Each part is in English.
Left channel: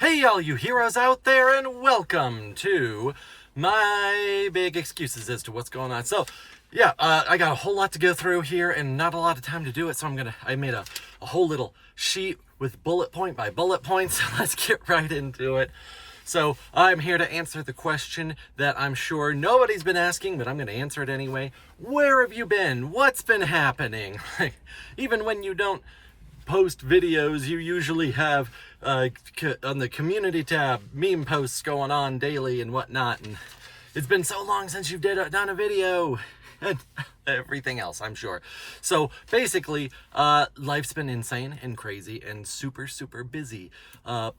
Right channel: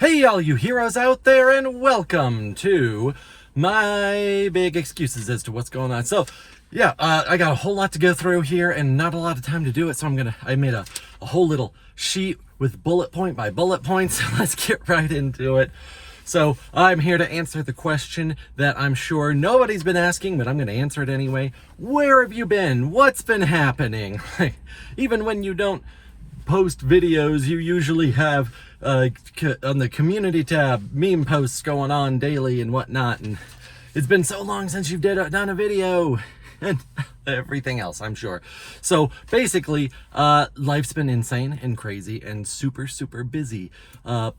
Hey, all you heroes out there, and welcome to my big excuses as to what's going on. I got a whole lot to go through here, and not a lot of time to do it. So I made a whole little sheet with bullet point by bullet points. Let's get right into it. So I'm here to answer the question that I'm sure nobody's been asking, but I'm going to answer it anyway. Where have you been? What's been happening? Even when you don't post videos, you usually have on the community tab meme posts going on daily and whatnot, and it's been so long since you've done a video and everything else, I'm sure. So basically, life's been insane and crazy and super busy. And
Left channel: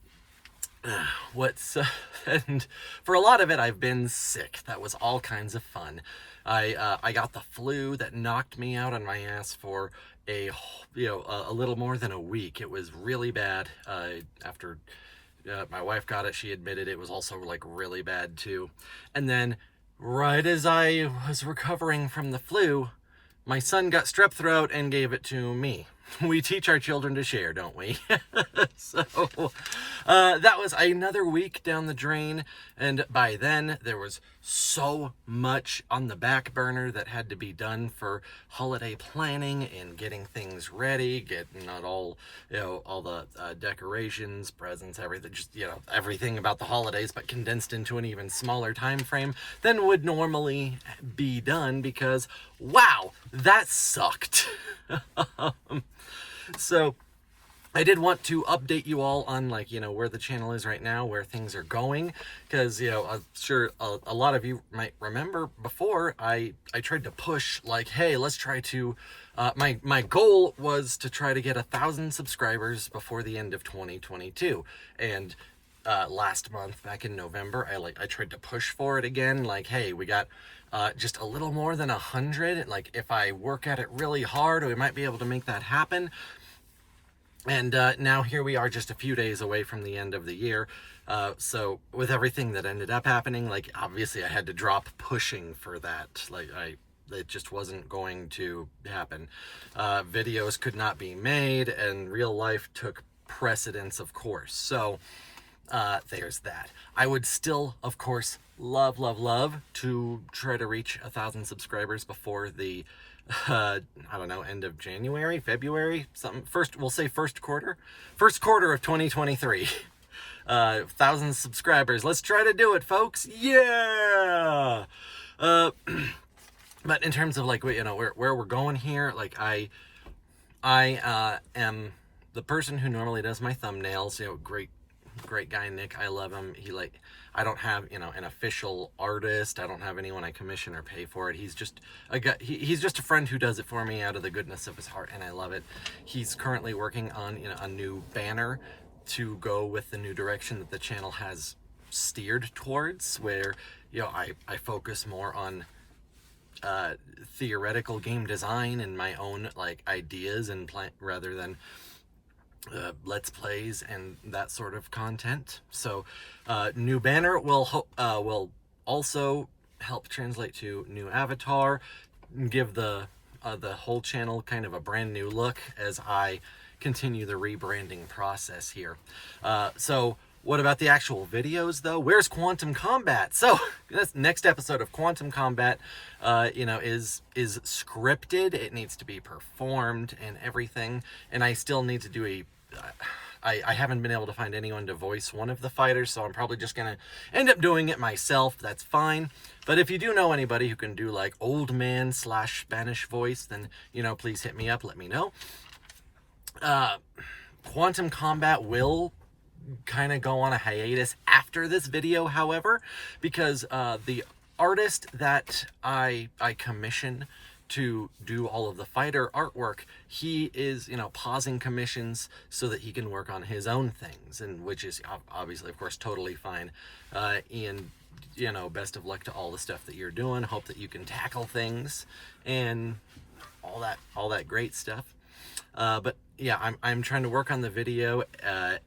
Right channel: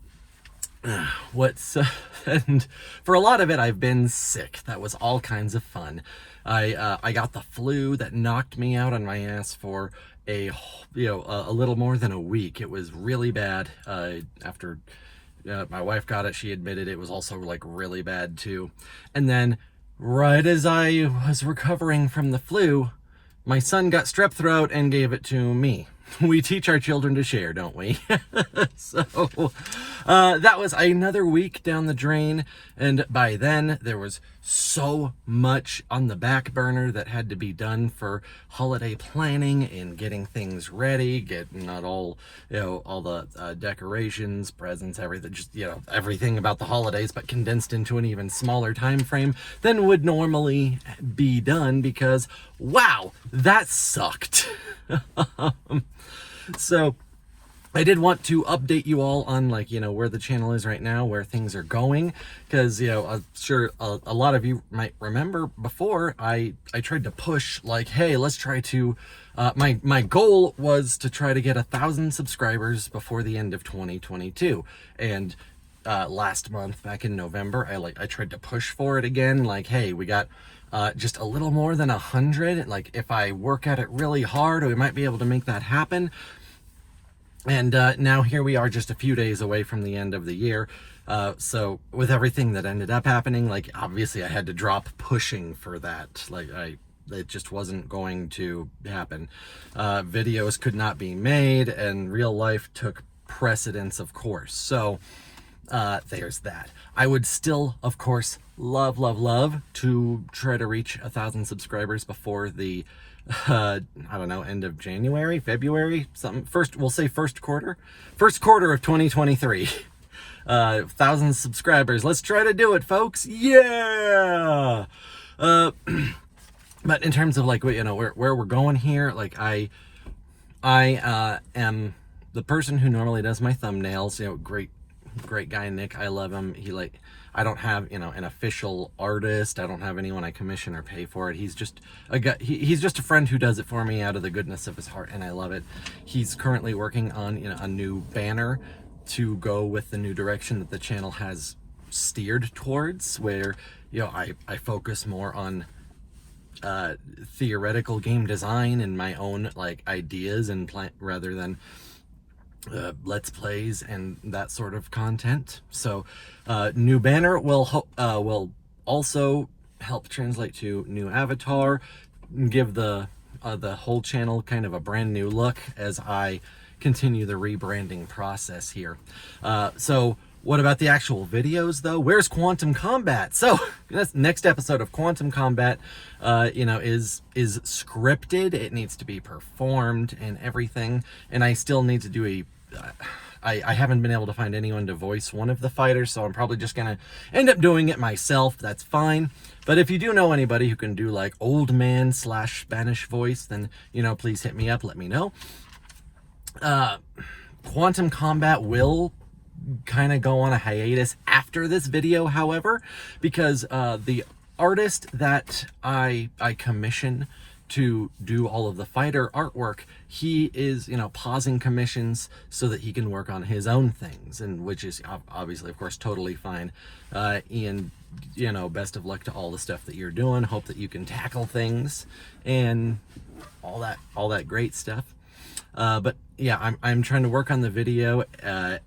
for a lot of it, I've been sick. That was all kinds of fun. I got the flu that knocked me out on my ass for a little more than a week. It was really bad. After my wife got it, she admitted it was also like really bad too. And then right as I was recovering from the flu, my son got strep throat and gave it to me. We teach our children to share, don't we? That was another week down the drain, and by then there was so much on the back burner that had to be done for holiday planning and getting things ready, getting not all the decorations, presents, everything, just everything about the holidays, but condensed into an even smaller time frame than would normally be done, because wow, that sucked. So I did want to update you all on where the channel is right now, where things are going, because I'm sure a lot of you might remember before I tried to push hey, let's try to my goal was to try to get 1,000 subscribers before the end of 2022, and last month back in November I tried to push for it again, hey, we got just a little more than 100. If I work at it really hard, we might be able to make that happen. And now here we are, just a few days away from the end of the year. So with everything that ended up happening, obviously I had to drop pushing for that. It just wasn't going to happen. Videos could not be made, and real life took precedence, of course. So there's that. I would still, of course, love to try to reach 1,000 subscribers before the I don't know, end of January, February, something. We'll say first quarter of 2023. 1,000 subscribers. Let's try to do it, folks. Yeah. But in terms of where we're going here, I am the person who normally does my thumbnails. Great guy Nick, I love him. I don't have an official artist. I don't have anyone I commission or pay for it. He's just a guy. He's just a friend who does it for me out of the goodness of his heart, and I love it. He's currently working on a new banner to go with the new direction that the channel has steered towards, where I focus more on theoretical game design and my own ideas and rather than let's plays and that sort of content. So new banner will also help translate to new avatar, give the whole channel kind of a brand new look as I continue the rebranding process here. So what about the actual videos though? Where's Quantum Combat? So this next episode of Quantum Combat is scripted. It needs to be performed and everything, and I still need to do I haven't been able to find anyone to voice one of the fighters, so I'm probably just gonna end up doing it myself. That's fine. But if you do know anybody who can do old man / Spanish voice, then please hit me up, let me know. Quantum Combat will kind of go on a hiatus after this video, however, because the artist that I commission to do all of the fighter artwork, he is pausing commissions so that he can work on his own things, and which is obviously, of course, totally fine. Ian, best of luck to all the stuff that you're doing. Hope that you can tackle things and all that great stuff. But yeah, I'm trying to work on the video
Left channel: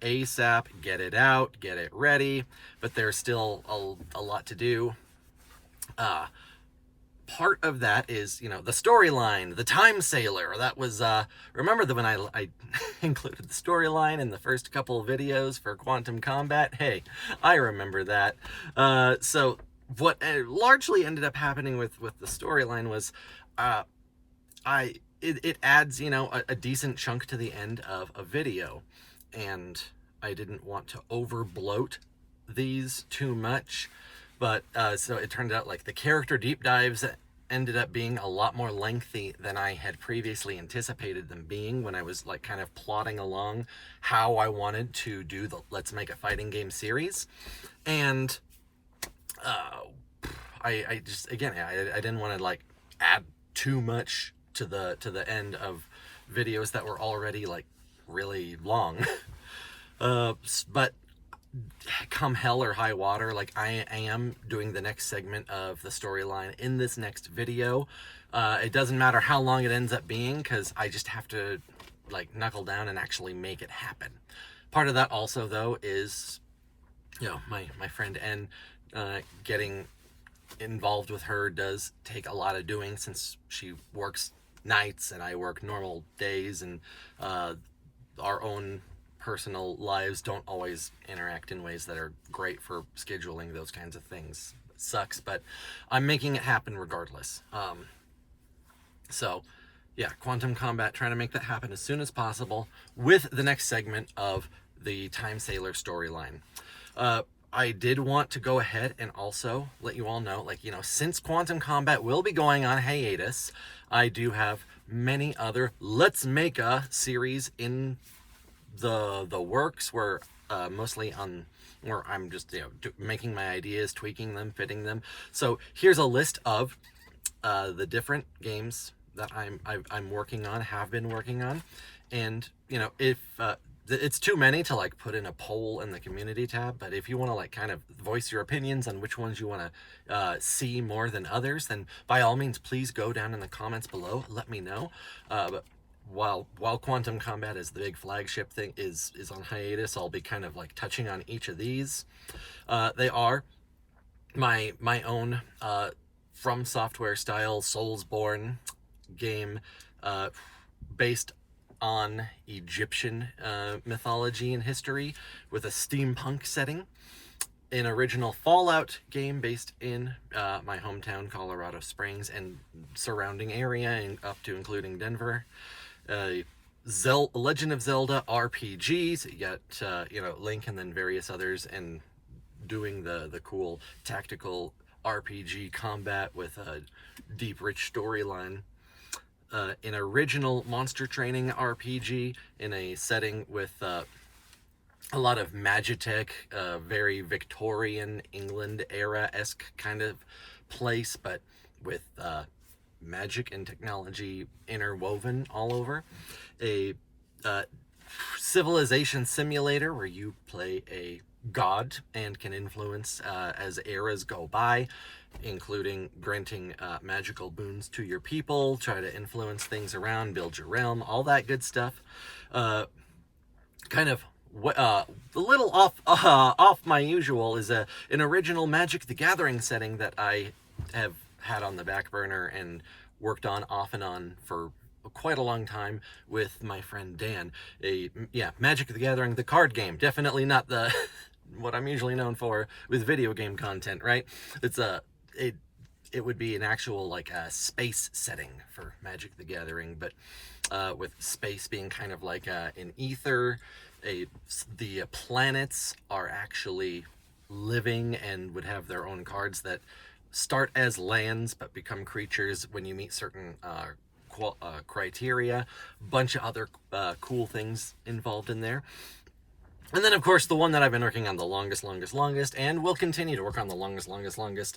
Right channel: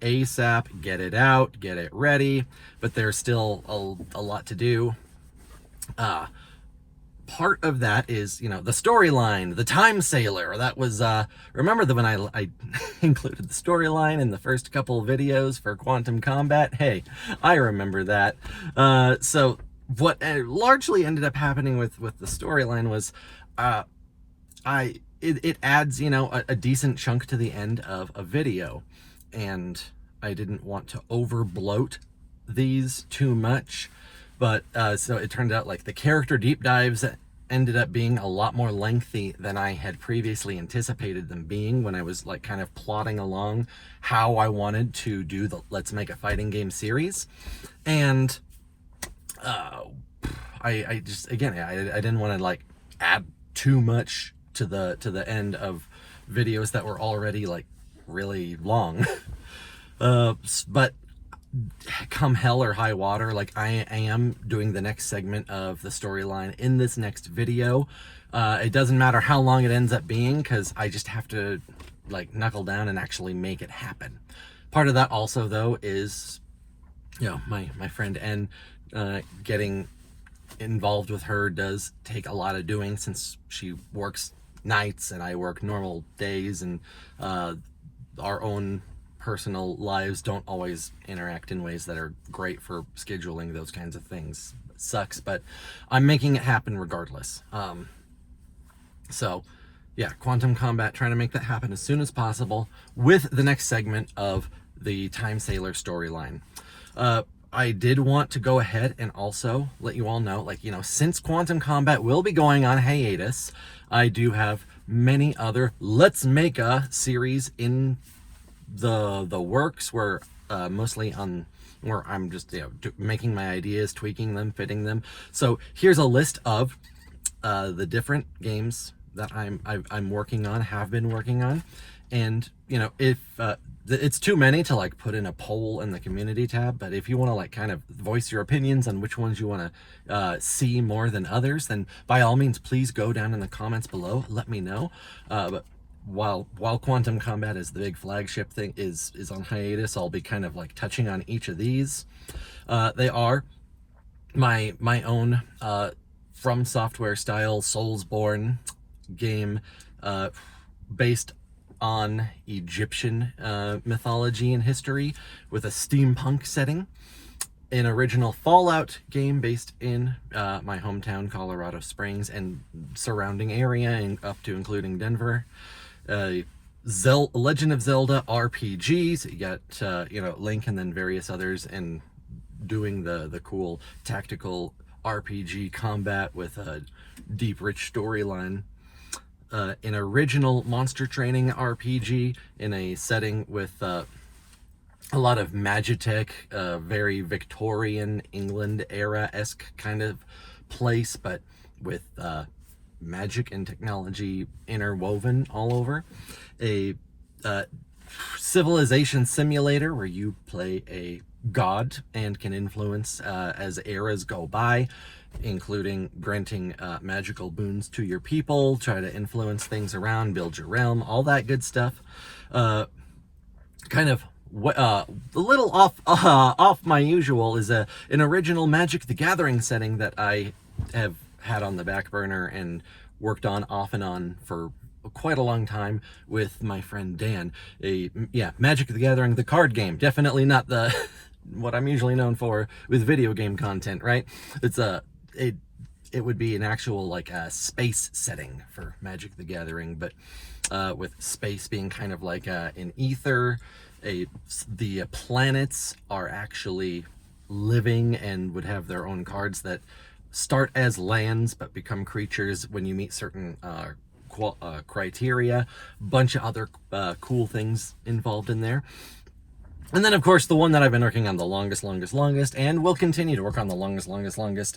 ASAP, get it out, get it ready, but there's still a lot to do. part of that is, you know, the storyline, the Time Sailor. That was, remember when I included the storyline in the first couple of videos for Quantum Combat? Hey, I remember that. So what largely ended up happening with the storyline was, it adds, you know, a decent chunk to the end of a video, and I didn't want to over bloat these too much. But so it turned out like the character deep dives ended up being a lot more lengthy than I had previously anticipated them being when I was like kind of plotting along how I wanted to do the Let's Make a Fighting Game series. And I just, again, I didn't want to like add too much to the end of videos that were already like really long. But come hell or high water, like I am doing the next segment of the storyline in this next video. It doesn't matter how long it ends up being, because I just have to like knuckle down and actually make it happen. Part of that also though is, you know, my friend N, getting involved with her does take a lot of doing, since she works nights and I work normal days, and our own personal lives don't always interact in ways that are great for scheduling those kinds of things. It sucks, but I'm making it happen regardless. So yeah, Quantum Combat, trying to make that happen as soon as possible with the next segment of the Time Sailor storyline. I did want to go ahead and also let you all know, like, you know, since Quantum Combat will be going on hiatus, I do have many other Let's Make a series in the works, where mostly on where I'm just, you know, making my ideas, tweaking them, fitting them. So here's a list of the different games that I'm working on, have been working on. And, you know, if it's too many to like put in a poll in the community tab, but if you want to like kind of voice your opinions on which ones you want to see more than others, then by all means, please go down in the comments below, let me know. But while Quantum Combat is the big flagship thing, is on hiatus, I'll be kind of like touching on each of these. They are my own From Software style Soulsborne game, based on Egyptian mythology and history, with a steampunk setting. An original Fallout game based in my hometown, Colorado Springs, and surrounding area, and up to including Denver. Legend of Zelda RPG, so you got you know, Link and then various others, and doing the cool tactical RPG combat with a deep, rich storyline. An original Monster Training RPG in a setting with a lot of Magitech, very Victorian England era-esque kind of place, but with magic and technology interwoven all over. A civilization simulator where you play a god and can influence as eras go by, including granting magical boons to your people, try to influence things around, build your realm, all that good stuff. Kind of a little off my usual is an original Magic the Gathering setting that I have had on the back burner and worked on off and on for quite a long time with my friend Dan. Magic the Gathering, the card game, definitely not the what I'm usually known for with video game content, right? It's it would be an actual like a space setting for Magic the Gathering, but with space being kind of like an ether. The planets are actually living and would have their own cards that start as lands but become creatures when you meet certain criteria. Bunch of other cool things involved in there. And then, of course, the one that I've been working on the longest, and will continue to work on the longest,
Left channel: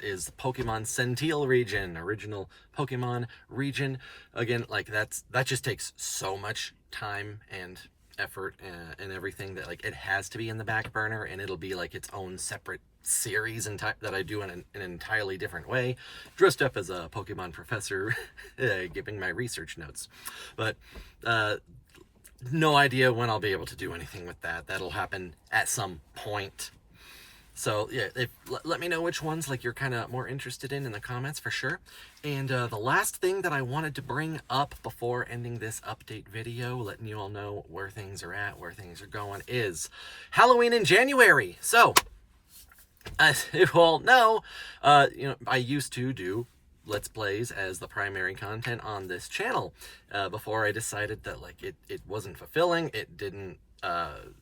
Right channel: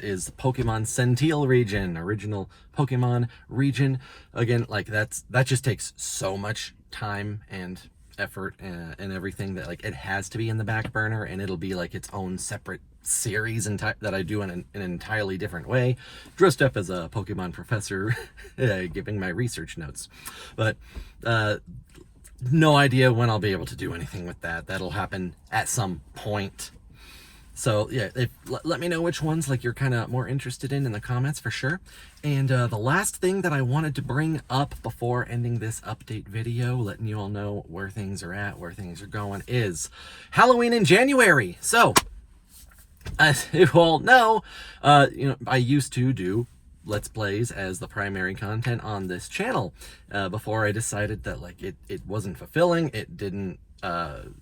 is Pokemon Sentinel region, original Pokemon region. Again, like that just takes so much time and effort and everything that like it has to be in the back burner, and it'll be like its own separate series that I do in an entirely different way, dressed up as a Pokemon professor, giving my research notes. But no idea when I'll be able to do anything with that. That'll happen at some point. So yeah, let me know which ones like you're kind of more interested in the comments for sure. And the last thing that I wanted to bring up before ending this update video, letting you all know where things are at, where things are going, is Halloween in January. So as you all know, I used to do Let's Plays as the primary content on this channel before I decided that like it wasn't fulfilling. It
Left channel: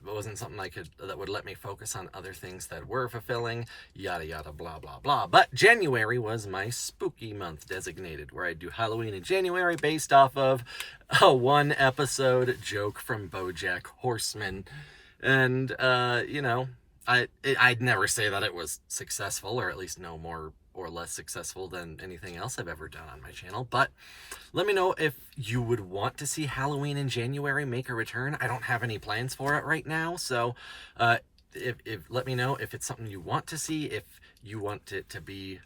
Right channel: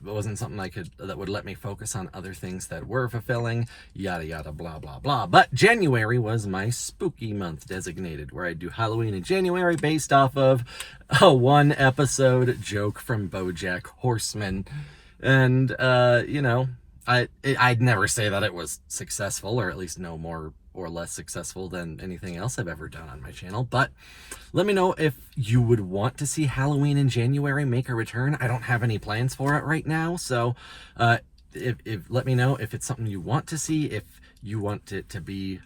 wasn't something that would let me focus on other things that were fulfilling, yada yada blah blah blah. But January was my spooky month designated, where I do Halloween in January based off of a 1-episode joke from BoJack Horseman. And I'd never say that it was successful, or at least no more or less successful than anything else I've ever done on my channel. But let me know if you would want to see Halloween in January make a return. I don't have any plans for it right now, so if let me know if it's something you want to see, if you want it to be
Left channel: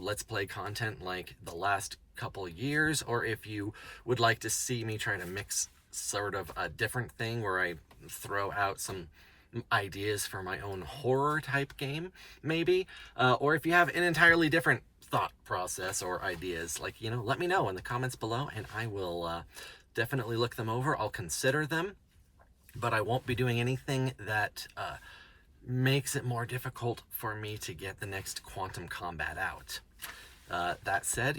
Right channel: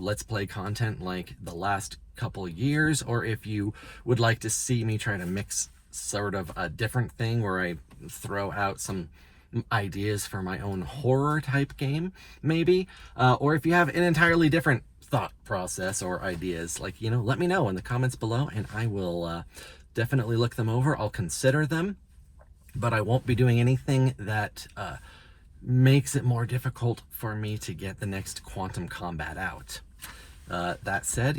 Let's Play content like the last couple years, or if you would like to see me try to mix sort of a different thing where I throw out some ideas for my own horror type game, maybe, or if you have an entirely different thought process or ideas, like, let me know in the comments below, and I will definitely look them over. I'll consider them, but I won't be doing anything that makes it more difficult for me to get the next Quantum Combat out. That said,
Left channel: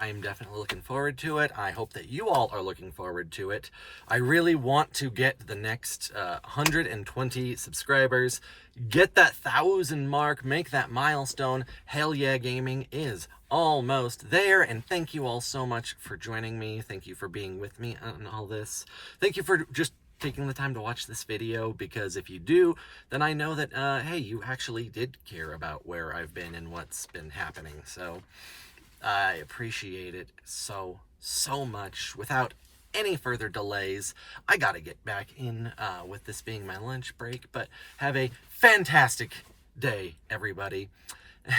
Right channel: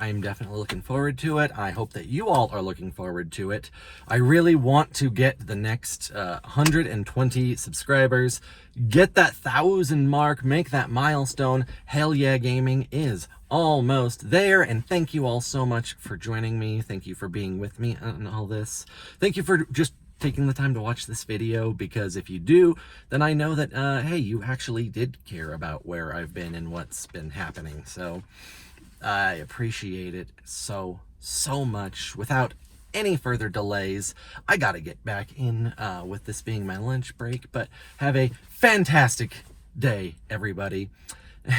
I'm definitely looking forward to it. I hope that you all are looking forward to it. I really want to get the next 120 subscribers, get that 1,000 mark, make that milestone. Hell yeah, gaming is almost there. And thank you all so much for joining me. Thank you for being with me on all this. Thank you for just taking the time to watch this video, because if you do, then I know that hey, you actually did care about where I've been and what's been happening. So I appreciate it so much. Without any further delays, I gotta get back in with this being my lunch break. But have a fantastic day, everybody,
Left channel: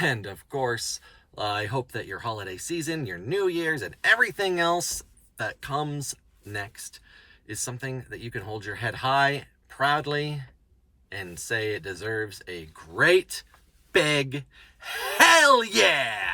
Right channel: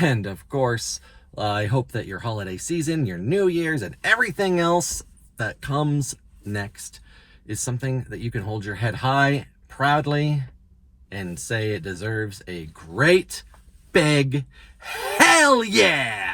and of course I hope that your holiday season, your New Year's, and everything else that comes next is something that you can hold your head high proudly and say it deserves a great big hell yeah!